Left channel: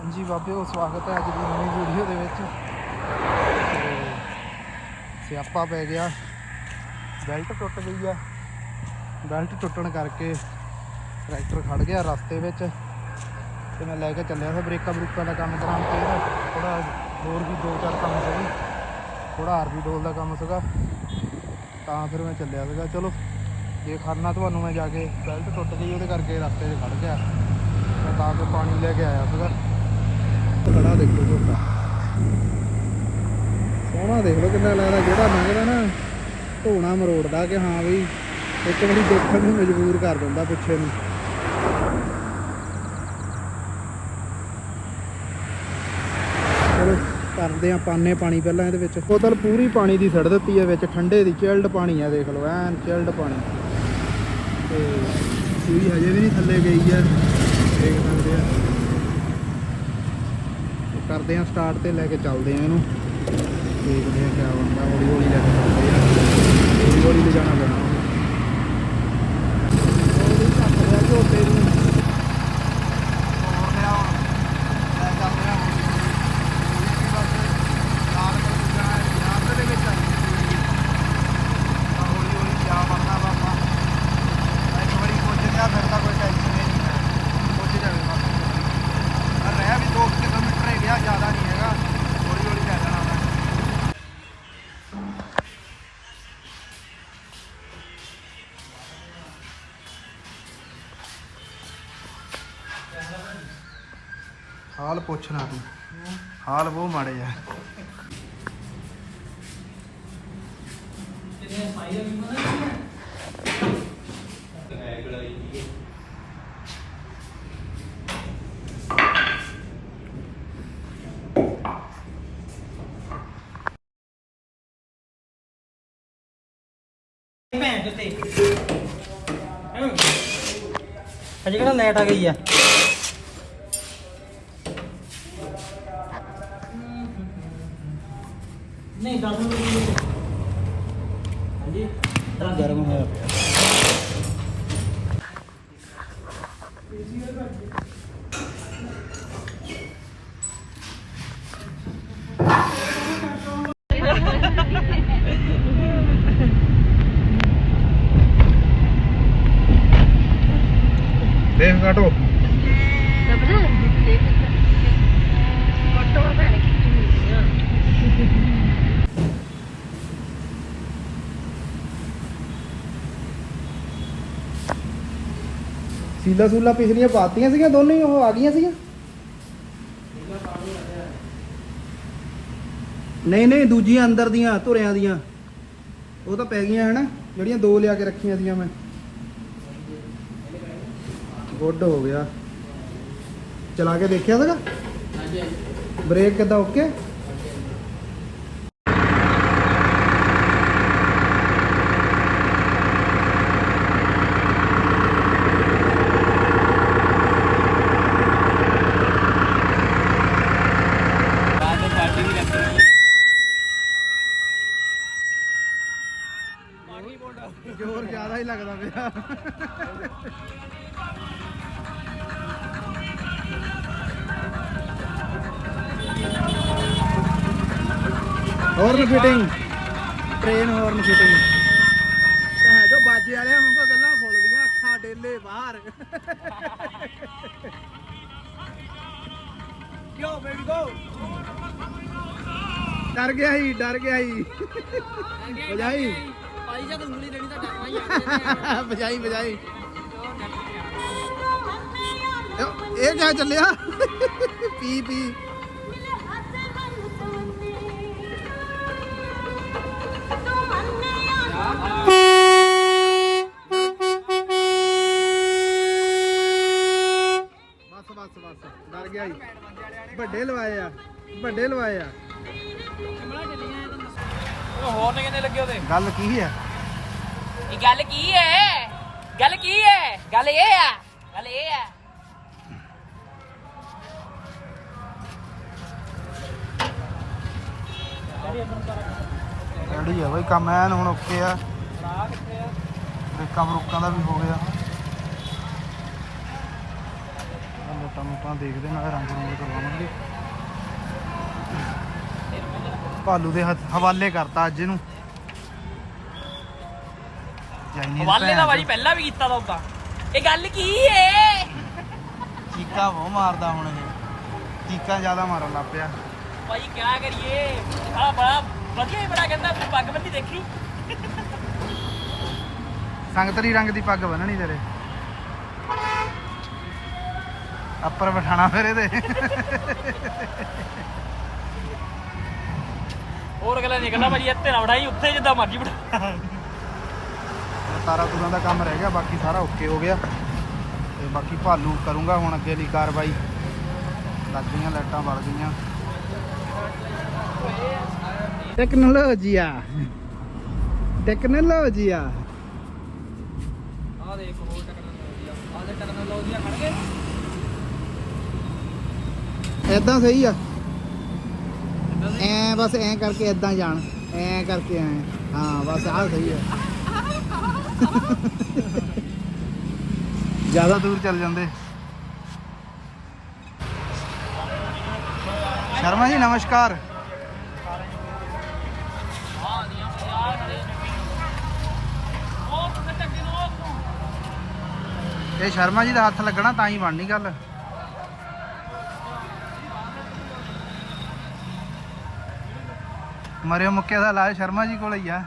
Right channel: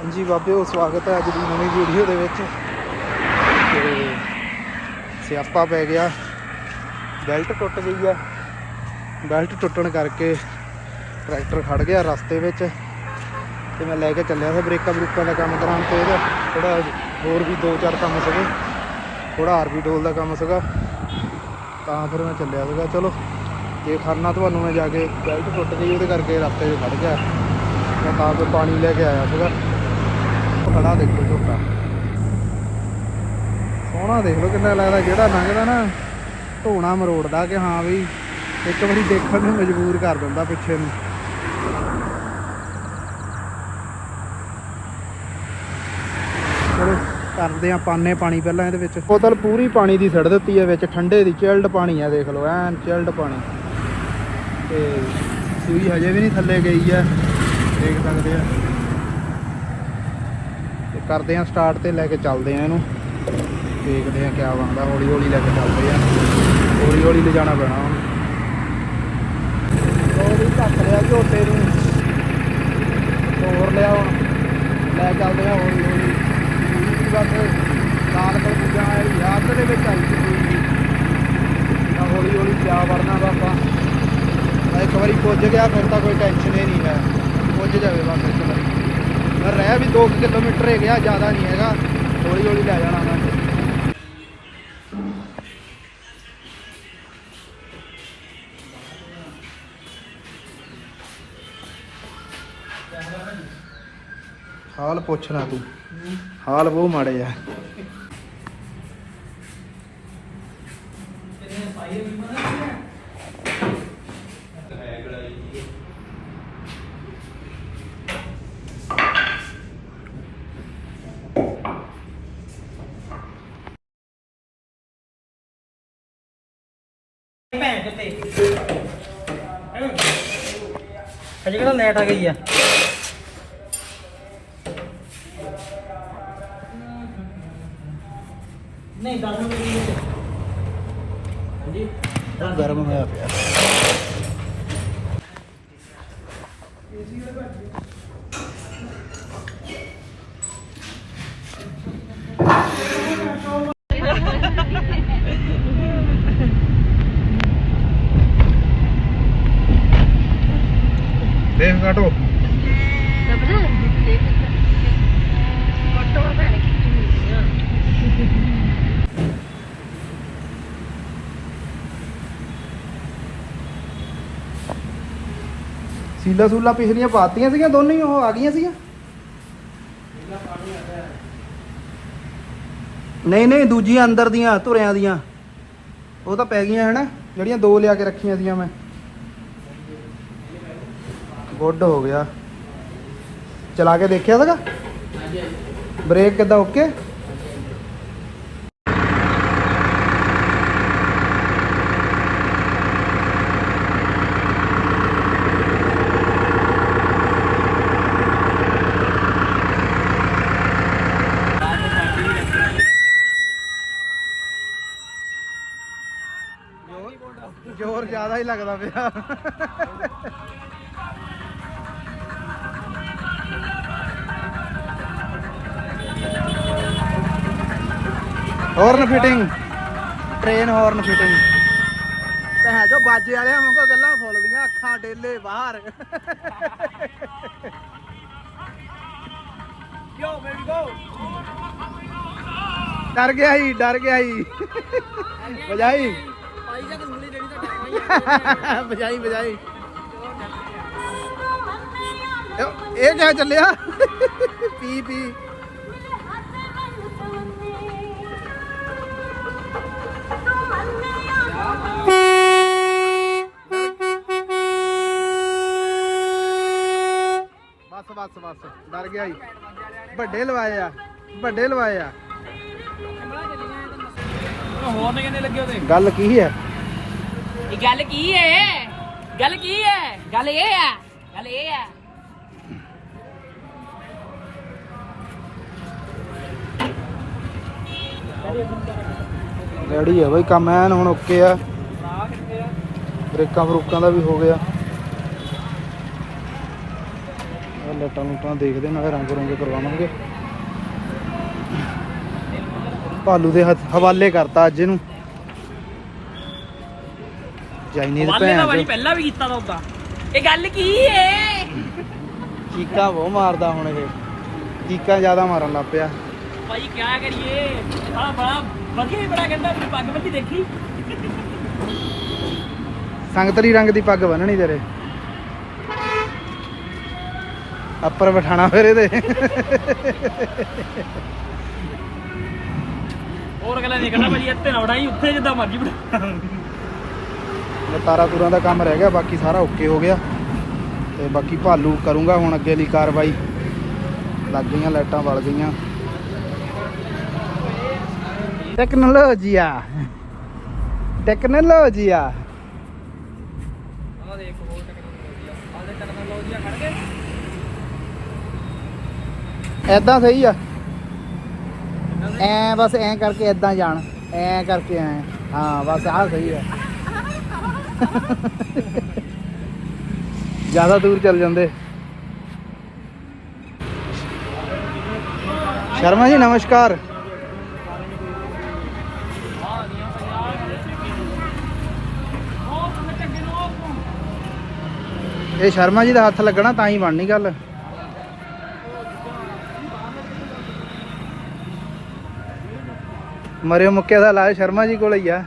ਹਾਂਜੀ ਬਾਬਿਓ ਸਵਾਗਤ ਹੈ ਅੱਜ ਦੀ ਨਵੀਂ ਵੀਡੀਓ ਦੇ ਵਿੱਚ। ਤੇ ਸਿਆਪਾ ਪੈ ਗਿਆ। ਬੈਲਟ ਟੁੱਟ ਗਈ ਆ ਬੈਲਟ ਟੁੱਟਣ ਕਰਕੇ ਟਰੈਕਟਰ ਖੜ ਗਿਆ ਰਸਤੇ ਵਿੱਚ। ਤੇ ਮੈਂ ਲੈ ਕੇ ਚੱਲਿਆ ਸੀ ਬ੍ਰੇਕਾਂ ਬਰੂਕਾਂ ਦਾ ਕੰਮ ਕਰਾਉਣ ਤੇ। ਇਹਦਾ ਥੋੜਾ ਹੋਰ ਵੀ ਦੋ ਚਾਰ ਕੰਮ ਸੀਗੇ। ਥੋੜਾ ਆਰਬੀ ਡੋਲ ਦਾ ਕੰਮ ਸੀਗਾ। ਤਾਂ ਫਿਰ ਮੈਂ ਚੱਲਿਆ ਸੀਗਾ। ਚਲੋ, ਜੇ ਖਰਨਾ ਤੁਹਾਨੂੰ ਮੈਂ ਜਾ ਕੇ ਬੈਲਟ ਟੁੱਟ ਗਈ, ਉਹਦੇ ਕਰਕੇ ਰਸਤੇ 'ਚ ਖੜ ਗਿਆ। ਮੈਂ ਤਾਂ ਫਿਰ ਪਾਣੀ ਲੈ ਕੇ ਆਇਆ ਸੀਗਾ। ਖੜਾ ਦੇਖੋ ਝੋਟਾ ਸੋਹਣਾ ਦੇਖ ਲਓ ਕਿੰਨਾ ਲੱਗਦਾ, ਜਿਹੜਾ ਲੰਘਦਾ ਨਾ ਢੋਣਾ ਮਰੋੜਦਾ ਕਿ ਹਾਂ ਵੀ ਇੱਕ ਵਾਰੀ ਦੇਖਣ ਨੂੰ ਮਜਬੂਰ ਕਰ ਦਿੰਦਾ ਪਿੱਛੇ ਨੂੰ। ਚਲੋ, ਕਰਦੇ ਆ ਪਾਣੇ ਪਾਣੀ ਪਹਿਲਾਂ ਇਹਦੇ ਵਿੱਚ। ਬੋਤਲ ਪੂਰੀ ਪਾਣੀ ਦੀ ਸੜ ਦਿੱਤੀ ਹੈ, ਵਿੱਚ ਠੰਡੇ ਦੀ ਚਿਲਡ ਪਾਣੀ ਆ, ਦੇਖ ਲਓ, ਐਨ ਚਿਲਡ ਪਾਣੀ। ਤੇ ਸੂਈ ਹਜੇ ਵੀ ਨਹੀਂ ਥੱਲੇ ਗਈ ਆ, ਦੇਖ ਸਕਦੇ ਆ। ਕਰਦੇ ਆ ਸਟਾਰਟ ਤੇ ਲੈ ਕੇ ਚੱਲਦੇ ਆ ਇਹਨੂੰ। ਦੇਖਦੇ ਆ ਕਿਆ ਬਣਦਾ, ਹੌਲੀ ਹੌਲੀ ਲੈ ਕੇ ਚੱਲਦੇ ਆ ਹੌਲੀ ਹੌਲੀ ਲੈ ਜਾਣਾ ਪੈਣਾ ਹੁਣ ਹੌਲੀ ਚੱਕ ਲਿਆ ਝੋਟੇ ਨੂੰ ਹੋਰ ਲਿਆ ਹੁਣ ਲੈ ਚੱਲਦੇ ਆ ਹੌਲੀ ਹੌਲੀ। ਬਸ ਲਾਲ ਪਰ ਪੂਜਾ ਯਾਦ ਦੇ ਵਿੱਚ ਆਈ ਸੀ ਪੂਰੀ ਹੌਲੀ ਹੌਲੀ ਕਿਆ ਵੜਨਾ ਬਾਪਾ ਇੱਕ ਵਾਰੀ ਪੁੱਜ ਗਿਆ ਫਿਰ ਤਾਂ ਕੋਈ ਟੈਨਸ਼ਨ ਹੀ ਨਹੀਂ ਹੈ ਪੁੱਜ ਜਾਵੇ ਬਸ ਪਰ ਰਹਿ ਵੀ 2 ਕਿਲੋਮੀਟਰ ਹੈ ਗਿਆ, ਜ਼ਿਆਦਾ ਨਹੀਂ ਹੈਗਾ। ਹੌਲੀ ਹੌਲੀ ਲੈ ਜਾਣਾ ਮੈਂ। ਹਾਲ ਪੁੱਛਣਾ ਤੂੰ। ਹਾਲ ਬਹੁਤ ਮਾੜੇ ਆ। ਭੈਣ ਤੇ ਅਜੇ ਕਿਹੜਾ ਲੈਟ ਆ ਗਈ ਆ? ਨਹੀਂ 10 ਮਿੰਟ ਦੀ ਗਰਮ ਹੋਇਆ ਪਿਆ ਦੇਖ ਕਾਟੋ ਸੀਲਾ ਸੂਲਾ ਪਿਛਲੀਆਂ ਪਾਤੀਆਂ ਸੀਗੀਆਂ ਦੋਨੇ ਹੀ ਉਹ ਆ ਗਈਆਂ ਸੀਗੀਆਂ? ਨਹੀਂ ਨਹੀਂ, ਦੂਜੀਆਂ ਅੰਦਰ ਦੀਆਂ, ਧੁਰਿਆਂ ਦੀਆਂ। ਉਹ ਤਾਂ ਪੈ ਗਈਆਂ, ਹਨਾ? ਜਿਹੜੀਆਂ ਦੋ ਲਿਆ ਕੇ ਰੱਖੀਆਂ ਸੀਗੀਆਂ ਮੈਂ। ਗੁੱਡ ਹੋ ਗਿਆ। ਚਲਾ ਕੇ ਦੇਖਿਆ ਸੀਗਾ? ਬ੍ਰੇਕ ਕਿੱਦਾਂ ਓਕੇ ਜ਼ੋਰ ਜ਼ਿਆਦਾ ਹੀ ਲੱਗਦਾ ਪਿਆ। Horn fitting train horn fitting ਤੇ ਹੈ ਜੋ ਬਾਜੇ ਵਾਲਿਆਂ ਵਾਂਗੂ ਗੱਲਾਂ ਫੁੱਲਦੀਆਂ ਅੱਖਾਂ ਡੇਲੇ ਬਾਹਰ ਕਿਉਂ ਬੇਬੀ ਗੋ ਡਰ ਗਿਆ ਹੀ ਡਰ ਗਿਆ ਹੀ ਬਜਾਈ ਪਾਈ ਜਦ ਉਂਗਲੀ ਦੇਣੀ ਤਾਂ ਡਰਨਾ ਹੀ ਬਜਾਈ ਬਜਾਈ ਇਹ- ਇਹ ਕਿਆ ਚੱਲਿਆ? ਪੀ ਪੀ। ਬਸ ਬਸ ਬਸ। ਡਰ ਗਿਆ ਹੀ ਵੱਡੇ ਲਵਾਏ ਆ। ਵੱਡੇ ਲਵਾਏ ਆ। ਗੱਲ ਕੀ ਹੈ? ਗੱਲ ਕੀ ਹੈ? ਗੱਲ ਕੀ ਹੈ? ਗੱਲ ਇਹ ਆ। ਗੱਲ ਇਹ ਆ। ਰੈਡੀ ਹੈ ਬਈ ਕੰਮ ਐਨ ਹੁਣ ਓਕੇ ਆ। ਬ੍ਰੇਕਾਂ ਬਰੂਕਾਂ ਦਾ ਵੀ ਹੋ ਗਿਆ। ਲੱਟਾਂ ਲੁੱਟਾਂ ਦੇਖਦੇ ਨਾਲੇ ਰੰਗ ਰੁੰਗ ਕਰਵਾਵਾਂਗੇ। ਭਾਲੂ ਦੇ ਹੱਥ- ਹਵਾਲੇ ਕਰਤਾ ਅੱਜ ਇਹਨੂੰ। ਚਾਈਨੀਜ਼ ਵਾਲੇ ਭੈਣ ਚੋ। ਪਹਿਲਾਂ ਵੀ ਕੀਤਾ ਲੋਕਾਂ ਇਹ ਗੱਲ ਕੀ ਹੈ ਚੀਕਾਂ ਬਹੁਤ ਮਾਰਦਾ ਹੁਣ ਇਹ। ਚੀਕਾਂ ਜ਼ਿਆਦਾ ਮਾਰਨ ਲੱਗ ਪਿਆ। ਭਾਈ ਕੀ ਕਰੀਏ? ਆ ਬੜਾ ਵਧੀਆ ਹੀ ਬੜਾ ਕਹਿੰਦਾ ਆਪਣੀ ਪੱਗ ਬੰਦੀ ਦੇਖੀ। ਸੰਗਤਰੀ ਰੰਗ ਦੀ ਪੱਗ ਬੰਨਣੀ ਤੇਰੇ। ਅੱਪਰ ਬਿਠਾਣਾ ਫਿਰ ਇਹਦੇ। ਹੋਰ ਗੱਲਾਂ ਦੇਖਣਾ ਭਾਜੀ ਇੱਥੇ ਨਾ ਵੜਾਈ ਉੱਥੇ ਜਿੱਦਾਂ ਮਰਜ਼ੀ ਬੜਾ ਤਾਰਾ ਤੁਰਾਂ ਦਾ ਕੰਮ ਰਹਿ ਗਿਆ ਬਾਕੀ ਸਾਰਾ ਓਕੇ ਹੋ ਗਿਆ। ਤੇ ਬਾਕੀ ਭਾਲੂ ਕਰੂੰਗਾ ਹੁਣ ਅੱਗੇ ਲਈ ਕਾਰਵਾਈ। ਲੱਗ ਗਈਆਂ ਲਾਈਟਾਂ ਬਲ ਗਈਆਂ। ਟੈਕਨੋਲੋਜੀਆ ਟੈਕਨੋਲੋਜੀਆ ਆ ਦੇਖ ਹੋਰ ਟੈਕਨੋਲੋਜੀ ਆ ਦੇ ਟੈਕਨੋਲੋਜੀ ਖੜ ਗਏ। ਐਦਾਂ ਸਹੀ ਆ। ਐ ਬਸ ਐ ਕਰਕੇ ਐਦਾਂ ਜਾਣ। ਐ ਕਰਕੇ ਐ। ਹਾਂ ਬਸ ਆਹ ਸਹੀ ਆ। ਜ਼ਿਆਦਾ ਦੂਰ ਚੱਲ ਜਾਂਦੇ। ਸ਼ਰਮਾ ਜੀ ਨਮਸਕਾਰ ਹਾਂ ਨੀਆਂ ਭਾਈ ਆ ਖੜੇ ਉਹ ਤੁਮੇ ਚੰਗੇ ਨੂੰ ਉਹ ਇਹ ਸ਼ਰਮਾ ਜੀ ਦਾ ਹੱਥ ਲੱਗਣਾ ਤਾਂ ਹੀ ਬਣਨੀ ਗੱਲ। ਮਰਿਓ ਮੁੱਕੇ ਦਾ ਇਲਾਜ ਸ਼ਰਮਾ ਜੀ ਕੋਲ ਹੀ ਆ।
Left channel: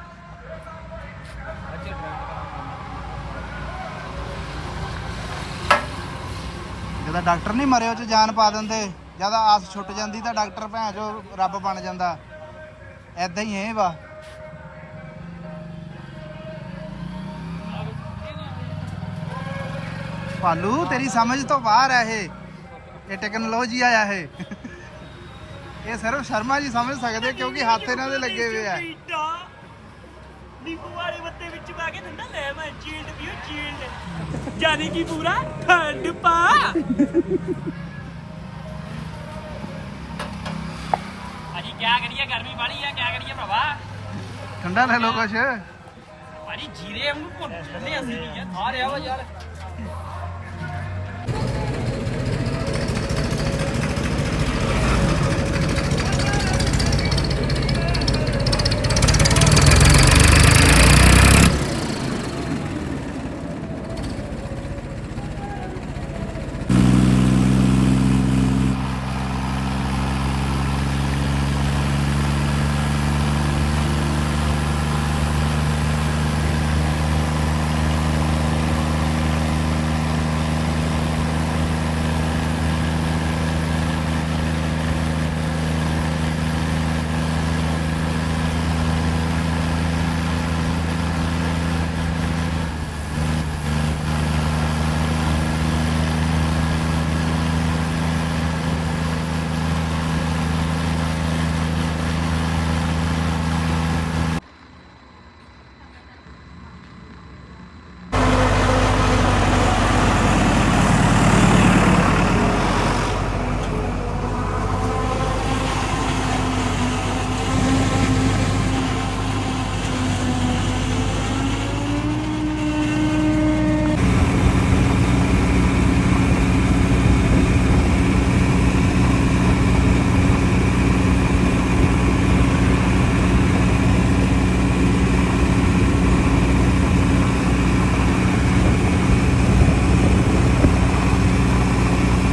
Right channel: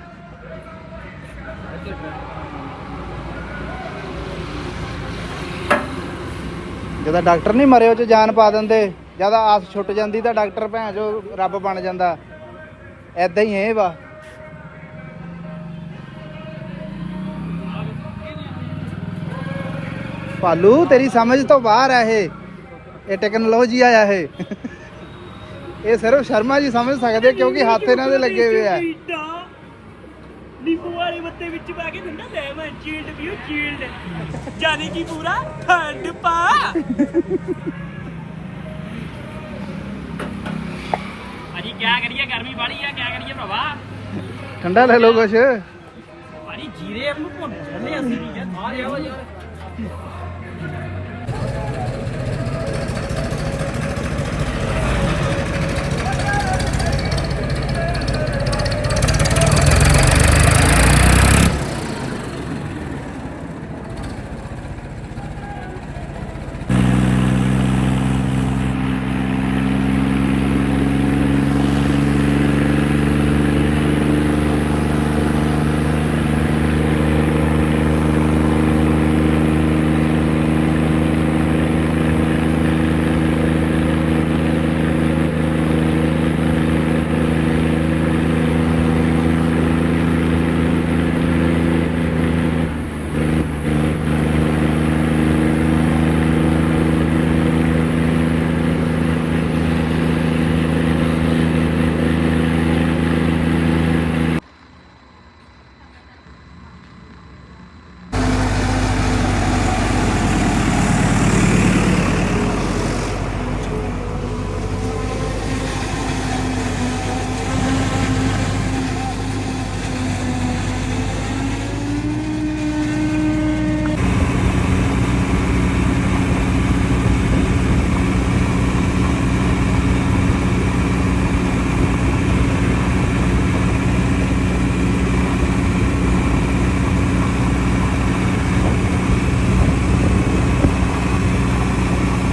ਜਦੋਂ ਡਾਕਟਰ ਨਹੀਂ ਮਰਿਓ ਚ ਜਾਨ ਪਾ ਦਿੰਦੇ, ਜਦ ਆਸ ਛੁੱਟ ਜਾਂਦੀ ਤਾਂ ਡਾਕਟਰ ਭੈਣ ਜੋ ਰੱਬ ਬਣ ਜਾਂਦਾ। ਐਦਾਂ ਹੀ ਇਹ ਵਾ। ਭਾਲੂ ਤੇਰੀ ਸਮਝ ਤੋਂ ਬਾਹਰ ਆ ਇਹ। ਇਹ ਟੈਕਨੋਲੋਜੀ ਆਇਆ ਇਹ। ਇਹ ਸਿਰਫ ਸ਼ਰਮਾ ਜੀ ਸਮਝ ਸਕਦੇ ਕਿਉਂਕਿ ਹੱਥ ਇਹਨਾਂ ਦੇ ਲੱਗੇ ਹੋਏ ਆ। ਨਿੰਬੂ ਵਾਲੇ ਬੱਤੇ ਵਿੱਚ ਪਾ ਕੇ ਬੰਦਾ ਲੈ ਮੈਂ ਚੀਲਡ ਪੀਓ ਚੀਲਡ। ਜਾਨੀ ਕੀ ਪੂਰਾ ਠੰਡ ਪਾ। ਭਾਜੀ ਕੀ ਕਰੀਏ ਗਰਮੀ ਵਾਲੀ ਆ ਕੀ ਕਰੀਏ ਭਵਾ ਠੰਡਾ ਲੈ ਲਓ ਕੁਛ। ਭਾਜੀ ਜੀਰੇ ਵਾਂਗੂ ਭੁੰਨ ਛੱਡਨੇ ਅਸੀਂ ਯਾਰ ਬਾਹਰ ਆਵਾ ਯਾਰ।